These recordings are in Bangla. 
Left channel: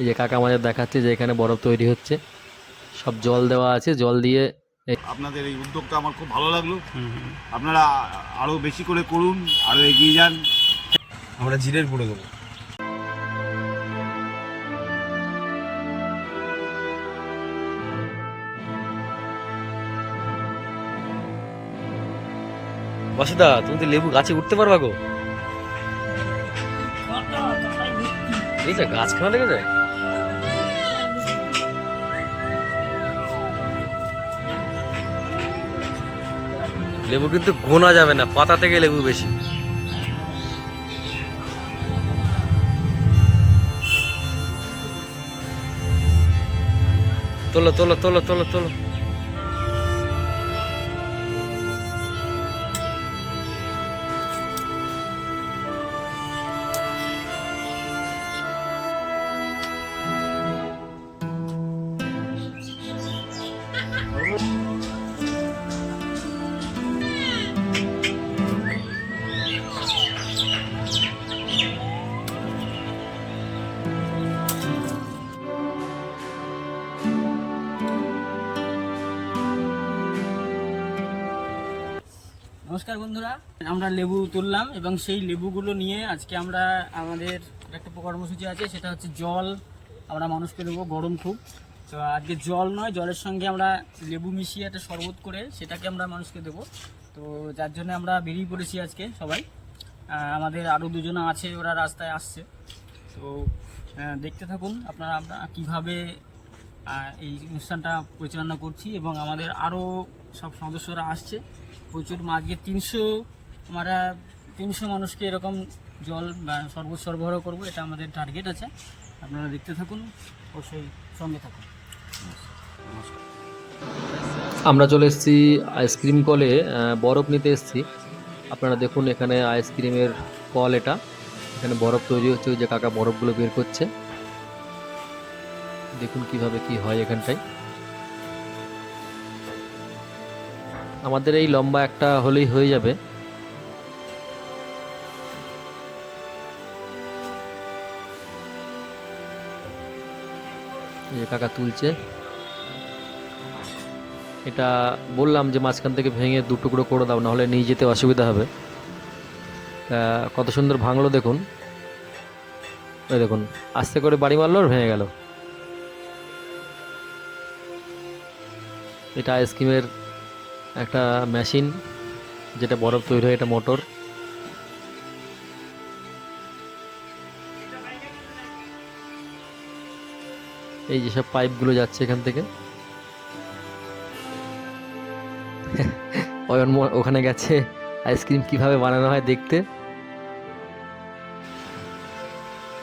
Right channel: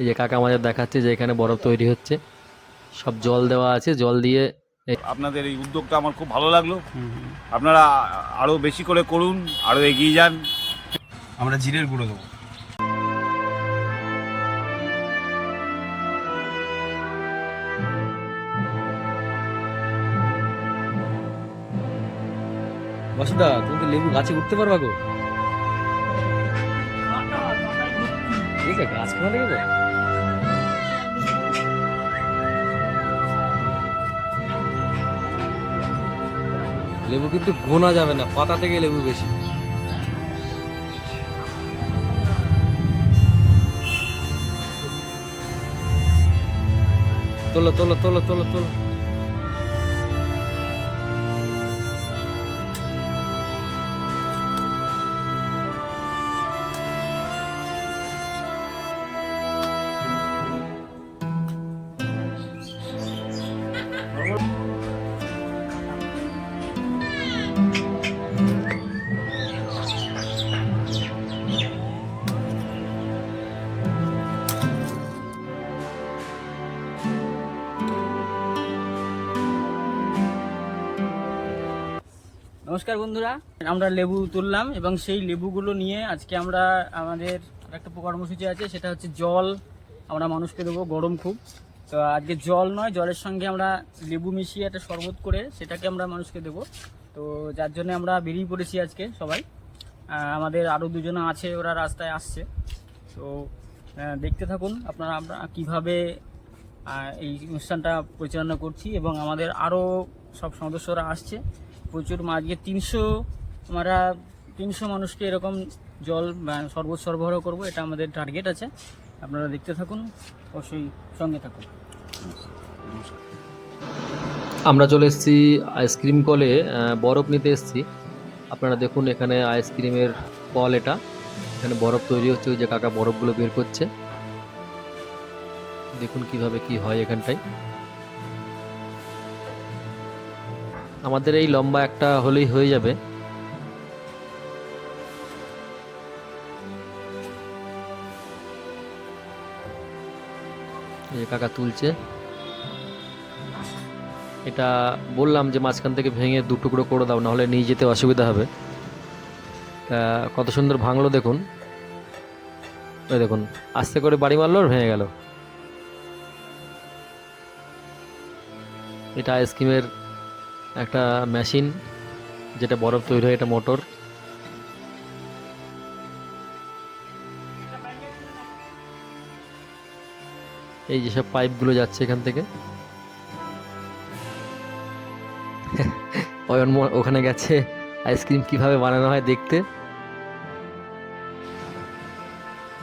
এই যে কাকা আমাদের দেখাচ্ছে যে এখানে বরফ তৈরি হচ্ছে, সব জল দেওয়া আছে, জল দিয়ে আপনাদের এই উদ্যোগটা আমার খুব ভালো লাগলো। আপনারা আরও বেশি করে করুন, আরও এগিয়ে যান। আমরা জিরের গুঁড়ো দেবো। বাসুদা, তুমি তো লেবু গাছে উঠতে পারবা গো। এই যে গাছখানা দেখেছো, লেবু কিন্তু গোনা যাবে না, পাতা থেকে লেবু বেশি। তোলো তোলো তোলো তোলো তোলো। নমস্কার বন্ধুরা, আমরা লেবু তুললাম এবং সেই লেবুগুলো নিয়ে আজকে আমরা আমাদের একটা কর্মসূচি আছে, সেটা হচ্ছে জল আমরা মানুষকে দেবো। গরম খুব, তো আজকে জল নয়, জলের সঙ্গে আমরা লেবু মিশিয়ে একটা শরবত করে সেটাকে আমরা মানুষকে দেবো। তো যার জন্য আমরা বেরিয়ে পড়েছি আজকে সবাই। আমাদের আরও দুজনে আছে, ওরা রাস্তায় আসছে। তো দেখতে থাকুন আপনারা আমরা কীভাবে এই অনুষ্ঠানটা পরিচালনা করছি, এবং আমাদের আরও সব সদস্যরা আসছে প্রচুর। আজকে 300 মানুষকে এরকম জল শরবত সরবরাহ করব, এটা আমাদের টার্গেট আছে। আপনারা দেখতে থাকুন, অবশ্যই সঙ্গে থাকুন। আমরা চলে এসেছি আইসক্রিম কলে, বরফ নিতে এসেছি। আপনারা দেখুন এখানে আইসক্রিমের কল, এটা এখানে বরফ তৈরি হচ্ছে। ওই যে কাকা বরফগুলো বের করছে, দেখুন কিভাবে কি হয় এখানটায়। আমাদের এই লম্বা একটা হলেই হয়ে যাবে। এই যে কাকা তুলছে, এটা বললাম যে মাঝখান থেকে ভেঙে দু টুকরো করে দাও, নাহলে নিয়ে যেতে অসুবিধা হবে। কত সুন্দর ভাঙলো দেখুন, ওই দেখুন আস্তে করে বাড়ি মারলো আর ভেঙে গেল। এটা আইসক্রিমের একটা মেশিন, যেটা বরফ তৈরি হয়, এটা মোটর। এই যেসব পাইপগুলো যাচ্ছে এখান থেকে, ওখানে গেছে আইসক্রিম কিভাবে বানানো হয় দেখতে।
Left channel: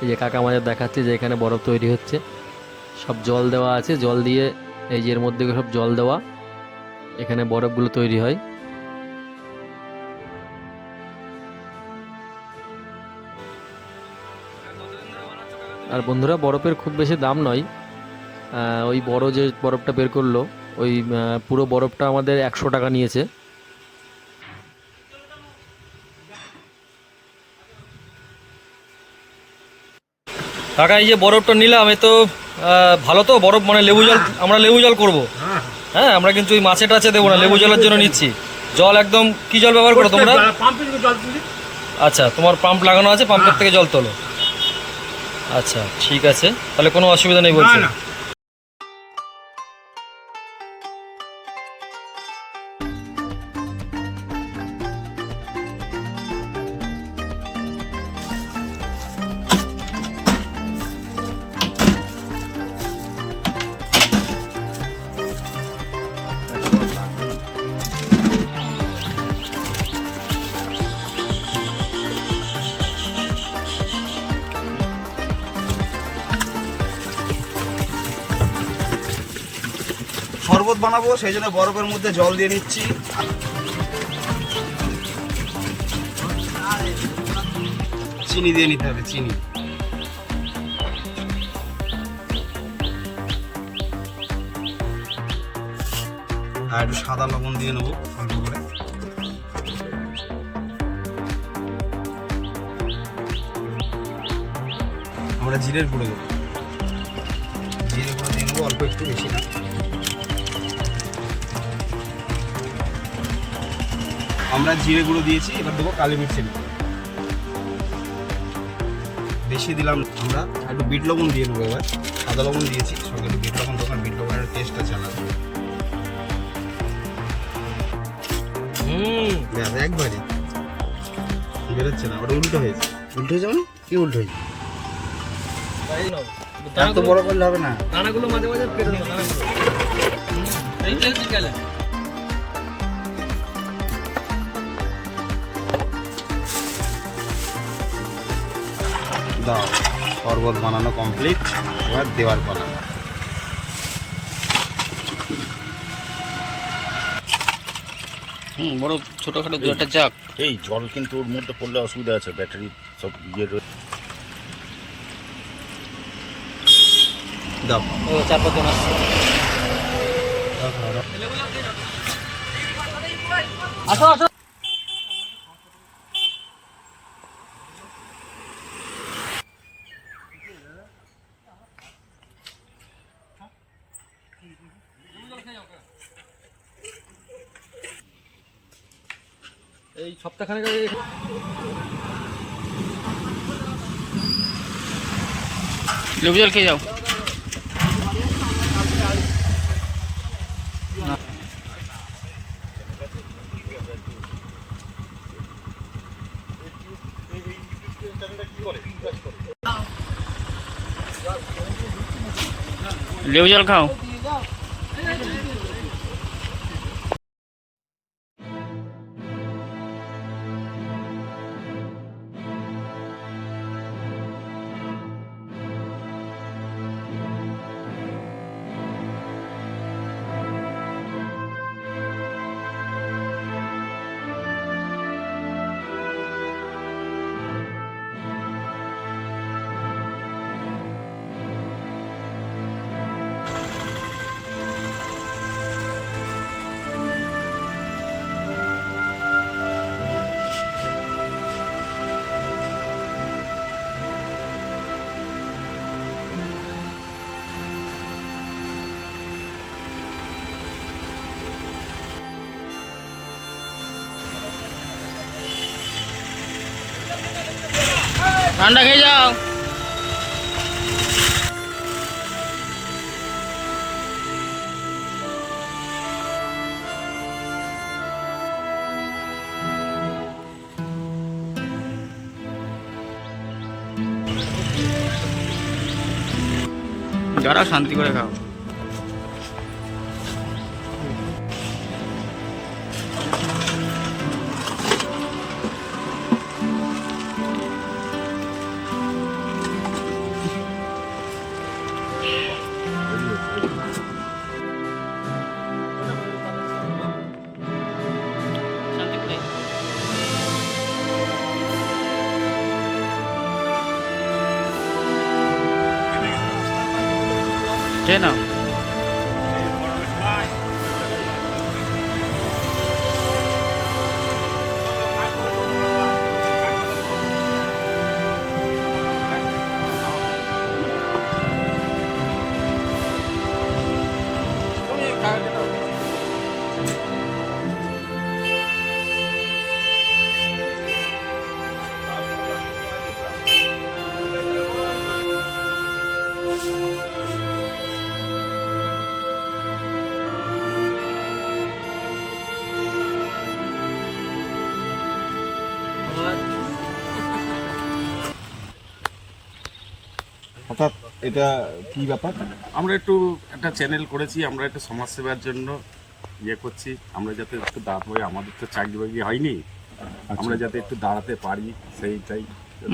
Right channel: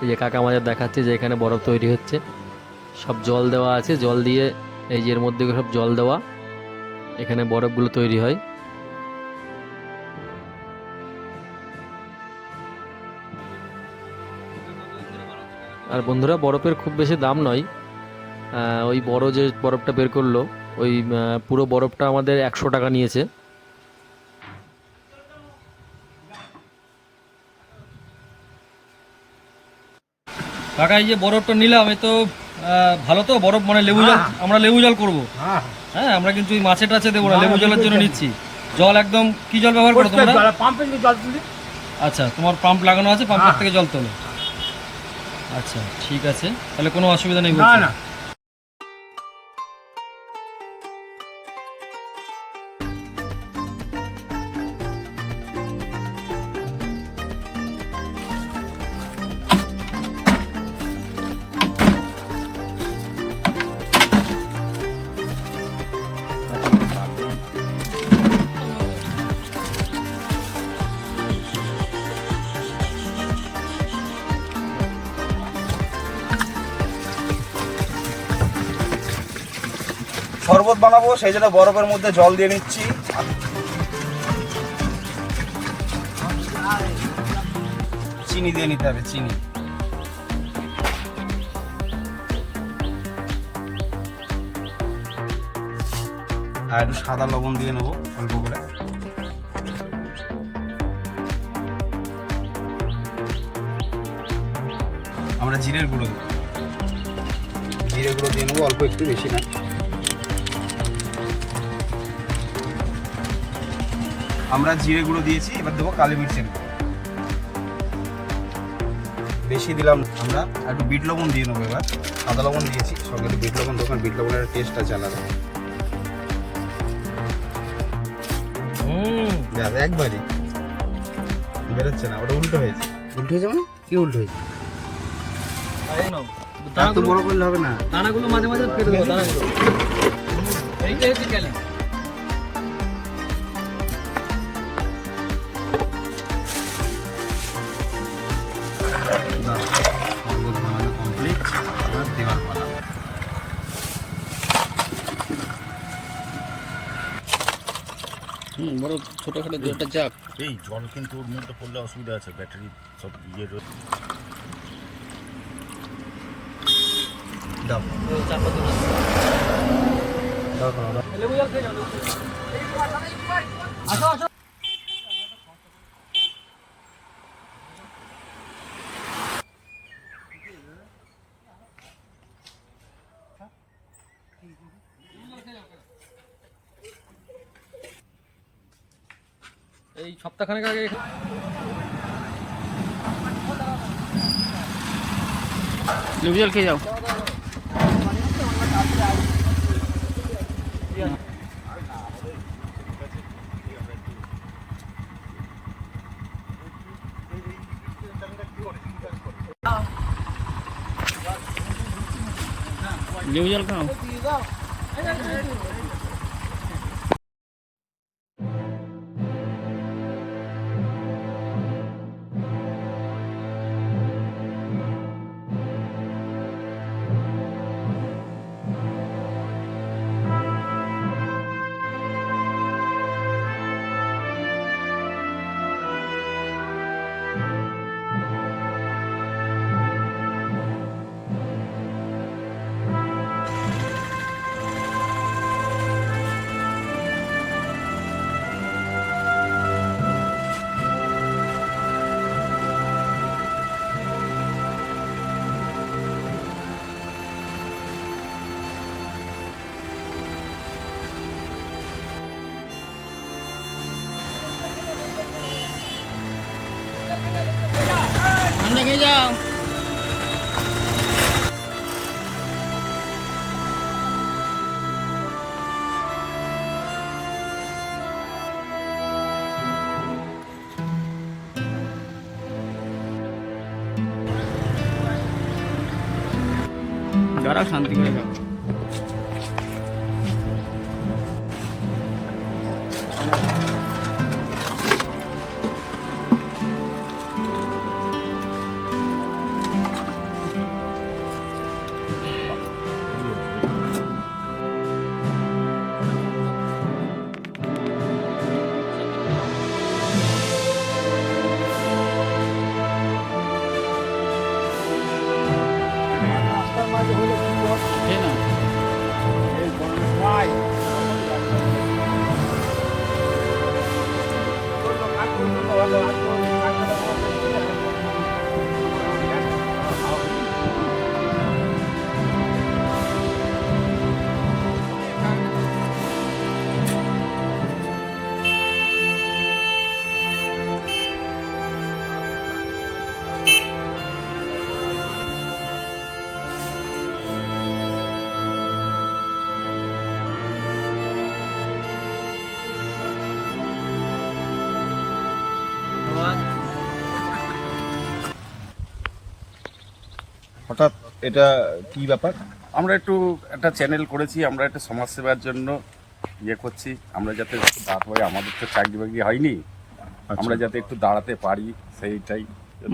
এই যে কাকা আমাদের দেখাচ্ছে যে এখানে বরফ তৈরি হচ্ছে, সব জল দেওয়া আছে, জল দিয়ে এই যে এর মধ্যে সব জল দেওয়া, এখানে বরফগুলো তৈরি হয়। আর বন্ধুরা, বরফের খুব বেশি দাম নয়। ওই বড় যে বরফটা বের করলো, ওই পুরো বরফটা আমাদের 100 টাকা নিয়েছে। কাকা, এই যে বরফটা নিলাম, এ তো ভালো তো বরফ, মানে লেবু জল, আমরা লেবু জল করবো। হ্যাঁ, আমরা কিন্তু ওই মাছে টাছে দেবো না, লেবু জলের জন্য নিচ্ছি। জল একদম কি জল ব্যবহার করো তোমরা? আচ্ছা, তোমার পাম্প লাগানো আছে, পাম্পের থেকে জল তোলো। আচ্ছা ঠিক আছে, তাহলে কোনো অসুবিধা নেই বলছি। শরবত বানাবো, সেই জন্য বরফের মধ্যে জল দিয়ে নিচ্ছি। চিনি দিয়ে নিতে হবে, চিনি। আর একটু সাদা লবণ দিয়ে নেবো অল্প করে। আমরা জিরের গুঁড়ো দেবো। জিরে গুঁড়ো দিয়ে নেবো অল্প একটু, বেশি না। আমরা জিরে গুঁড়ো দিয়েছি, এবার দেবো কালি মির্চের গুঁড়ো। বেশি দিলাম না। আমরা একটু বিট লবণ দিয়ে নেবো এবার। সাদা লবণ দিয়েছি, সঙ্গে একটু বিট লবণ দেবো, কারণ বিট লবণের টেস্ট আছে আলাদা। এক ভাজি বেরোচ্ছে না, ওটা উল্টো হয়েছে। উল্টো হয়েছে মানে কি উল্টো হয়েছে? এত বড় করলে হবে না। দানাগুলো মাঝে মাঝে কেটে দেবো, দানাগুলো এইটা হচ্ছে কেলে। দাও, শরবত বানানো কমপ্লিট, এবার দেওয়ার পালা। বড় ছোটখাটো দু একটা চাক। এই জল কিন্তু ওর মধ্যে পড়লে অসুবিধা আছে, ব্যাটারি সব ইয়ে রয়েছে। দাও চার পাঁচ দাও দাও। আসো আসো। এই সপ্তাহখানেক আগে লেবু জল খেয়ে যাও। লেবু জল খাও। ঠান্ডা খেয়ে যাও। যারা শান্তি করে খাও। খেয়ে নাও। হঠাৎ এটা কি ব্যাপার? আমরা একটু একটা চ্যানেল করেছি, আমরা একটা সমাজসেবার জন্য ইয়ে করছি। আমরা যাতে একটু দাঁড়াতে পারি, আমাদের তো চাকরি বাকরি হয়নি, আমরা যাতে একটু দাঁড়াতে পারি সেইটাই।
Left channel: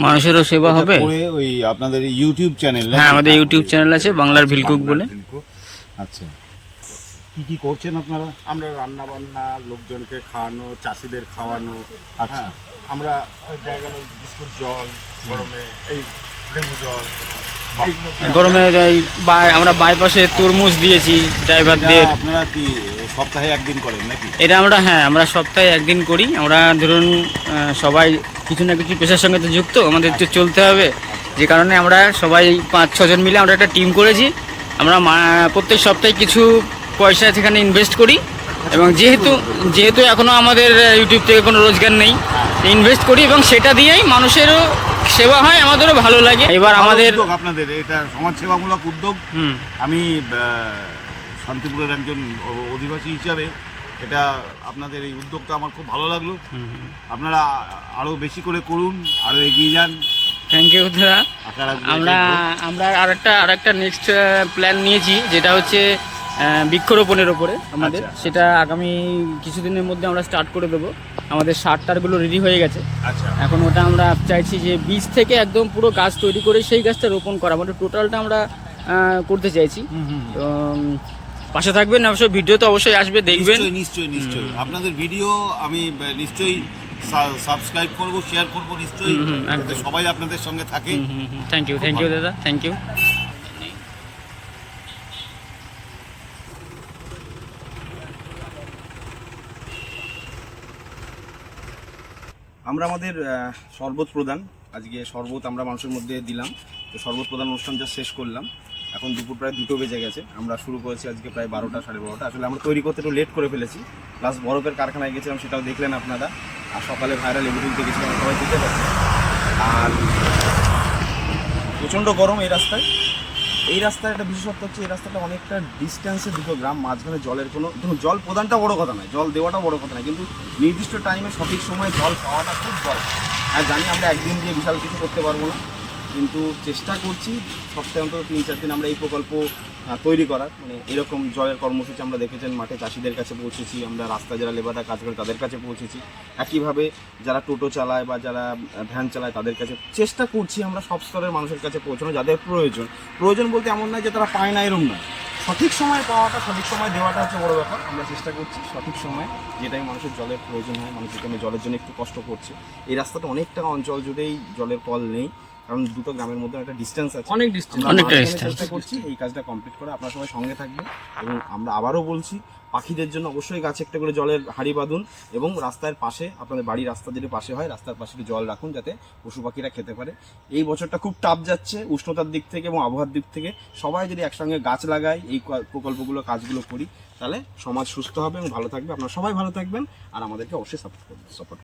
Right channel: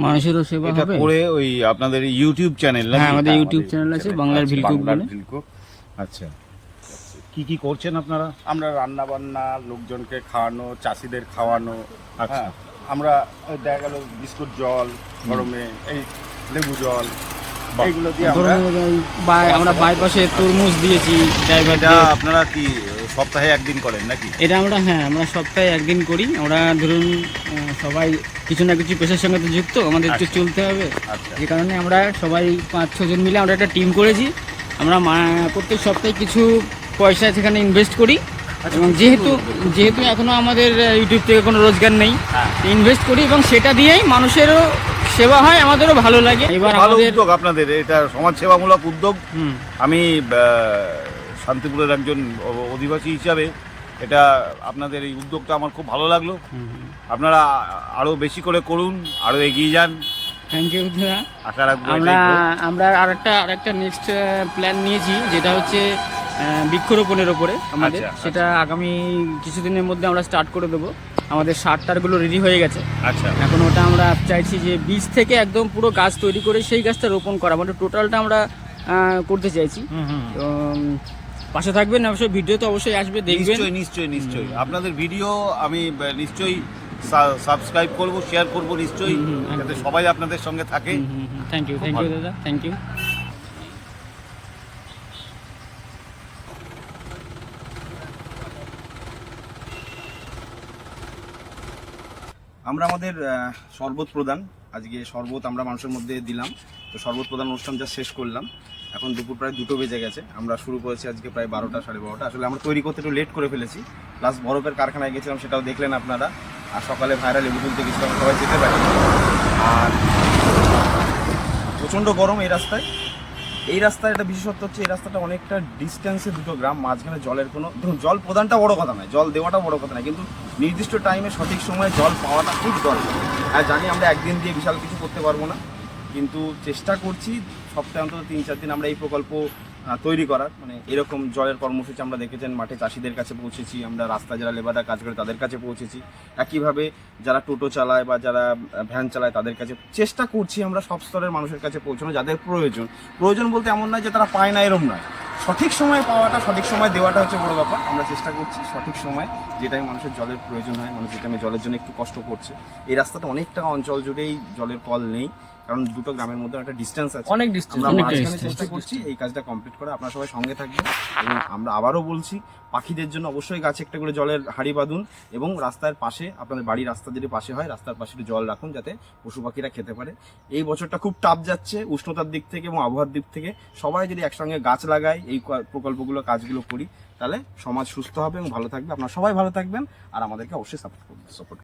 মানুষেরও সেবা এটা হবে। করে ওই আপনাদের ইউটিউব চ্যানেল? হ্যাঁ, আমাদের ইউটিউব চ্যানেল আছে বাংলার ভিলকুক বলে। আচ্ছা, কি কি করছেন আপনারা? আমরা রান্না বান্না, লোকজনকে খাওয়ানো, চাষিদের খাওয়ানো। আচ্ছা, আমরা ওই দেখা গেল বিস্কুট, জল গরমে, এই লেবু জল, এইগুলো দিয়ে গরমে আমরা বাইপাসে তরমুজ দিয়েছি এটা ড্রাইভারদের। আপনারা কি সপ্তাহে একদিন করেন নাকি? এটা আমরা সপ্তাহে একদিন করি। আমরা ধরুন সবাই কিছু না কিছু পেশার সঙ্গে তো যুক্ত, আমাদের তো চলতে হবে। আচ্ছা, যে কারণে আমরা সবাই 5-6 জন মিলে আমরা একটা টিম করেছি। আমরা প্রত্যেক সপ্তাহে কিছু পয়সা সেখানে ইনভেস্ট করি এবং যেহেতু এখনো আমাদের ইউটিউব থেকে কোনো রোজগার নেই, ইনভেস্ট করি এবং সেটা দিয়েই মানুষেরও সেবা হয়, আমাদেরও ভালো লাগে। এবার আমাদের উদ্যোগ আপনাদের এটা সমাজ সেবামূলক উদ্যোগ। আমি শান্তিপুরের একজন অধিবাসী হিসাবে এটা আপনাদের এই উদ্যোগটা আমার খুব ভালো লাগলো। আপনারা আরো বেশি করে করুন, আরো এগিয়ে যান। থ্যাংক ইউ দাদা। আশা রাখবো আমরা আরেকটা নেক্সট প্ল্যান নিয়েছি, যেটা হচ্ছে বৃক্ষরোপণের ওপরে আমাদের। আচ্ছা। সেটা আগামী কিছুদিনের মধ্যে আমরা স্টার্ট করে দেবো। আমাদের সারটারগুলো রেডি হয়ে গেছে। আচ্ছা, এখন ওটা আমরা চাইছি যে বীজ থেকে একদম পুরো গাছ তৈরি করে সেই গাছটা রোপণ করা, মানে টোটালটা আমরা করতে চাইছি। তো পাশে থাকবেন, অবশ্যই ভিডিও তো অবশ্যই আসবে, দেখবেন। নিশ্চয়ই আপনাদের ভিডিও আমি নিশ্চয়ই সাবস্ক্রাইব করব, শেয়ার করব নিশ্চয়ই, যাতে সবাই আপনাদের সঙ্গে থাকে। থ্যাংক ইউ দাদা, থ্যাংক ইউ। আমরা আমাদের শরবত প্রদান, আজকে শরবত আমরা মানুষের মধ্যে দিলাম। তো শরবত প্রদান অনুষ্ঠান যা শেষ করলাম, এখন দুপুর প্রায় 2টো বেজে গেছে। আমরা শুরু করেছি আজকে প্রায় 12টা, 12:30। আসলে আমরা তৈরি করতে একটু লেট করে ফেলেছি, প্লাস বরফের কারখানায় গেছিলাম, সেটাও দেখলেন আপনারা। আর সকালে ভাইরা লেবু তুলতে গেছিলাম, সবাই যেতে পারি। আর প্রচণ্ড গরম এই রাস্তায়। একটা বিশেষত্ব হচ্ছে, এই রাস্তাটা অনেকটা ডিস্টেন্সে, 2টো গ্রাম মাঝখানে। জলের কোনো জল প্রদানটা বড় কথা নয়, জল দেওয়াটা বড় কথা নয়, কিন্তু নির্দিষ্ট টাইমে সঠিক সময়ে জল পাওয়াটা খুব দরকার। আর জানি আমরা একদিন দিয়ে বিশাল কিছু করতে পারবো না, কিন্তু চেষ্টা করছি সপ্তাহে অন্তত 3-4 দিন আমরা এই প্রকল্প তৈরি করার। মানে এরকম জলের কর্মসূচি আমরা দেখেছেন, মাঠে চাষিদের কাছে পৌঁছেছি, আমরা রাস্তায় যারা লেবাররা কাজ করে তাদের কাছে পৌঁছেছি, একইভাবে যারা টোটো চালায় বা যারা ভ্যান চালায় তাদের কাছে চেষ্টা করছি আমরা সব স্তরের মানুষের কাছে পৌঁছানো, যাদের প্রয়োজন বলতে এমন নয় যে তারা পায় না, এরম নয়। সঠিক সময়ে পাওয়াটা, সঠিক সময় দেওয়াটা হচ্ছে বড় ব্যাপার। আমরা চেষ্টা করছি সঠিক সময়, যেটাই মানুষের জলের প্রয়োজন হয়, মানুষ যেখানে জলের জন্য একটু কষ্ট করছে। এই রাস্তাটা অনেকটা অঞ্চল জুড়েই জলের কল নেই, কারণ 2টো গ্রামের মধ্যে একটা ডিস্টেন্স আছে, অনেক ডিস্টেন্স। চেষ্টা করছি এই কাজটা কমপ্লিট করে। আপনারা সবাই সঙ্গে থাকবেন। এবং আমরা আবারও বলছি, পাখিদের জন্য অবশ্যই গাছে একটা করে জলের হাঁড়ি বাঁধুন, এবং রাস্তার পাশে, আপনাদের বাড়ির রাস্তা যদি পাশে হয়, রাস্তার পাশে একটু জল রাখুন যাতে পশু পাখিরা খেতে পারে। এই বছরটা খুব টাফ যাচ্ছে উষ্ণতার দিক থেকে এবং আবহাওয়ার দিক থেকে। সবাই যদি একসঙ্গে গাছ লাগাই, এই প্রকল্পগুলো, কাজগুলো করি, তাহলে সমাজ সুস্থ হবে এবং ভালো থাকবে। আপনারা সবাই ভালো থাকবেন, আর আমাদেরকে অবশ্যই সাপোর্ট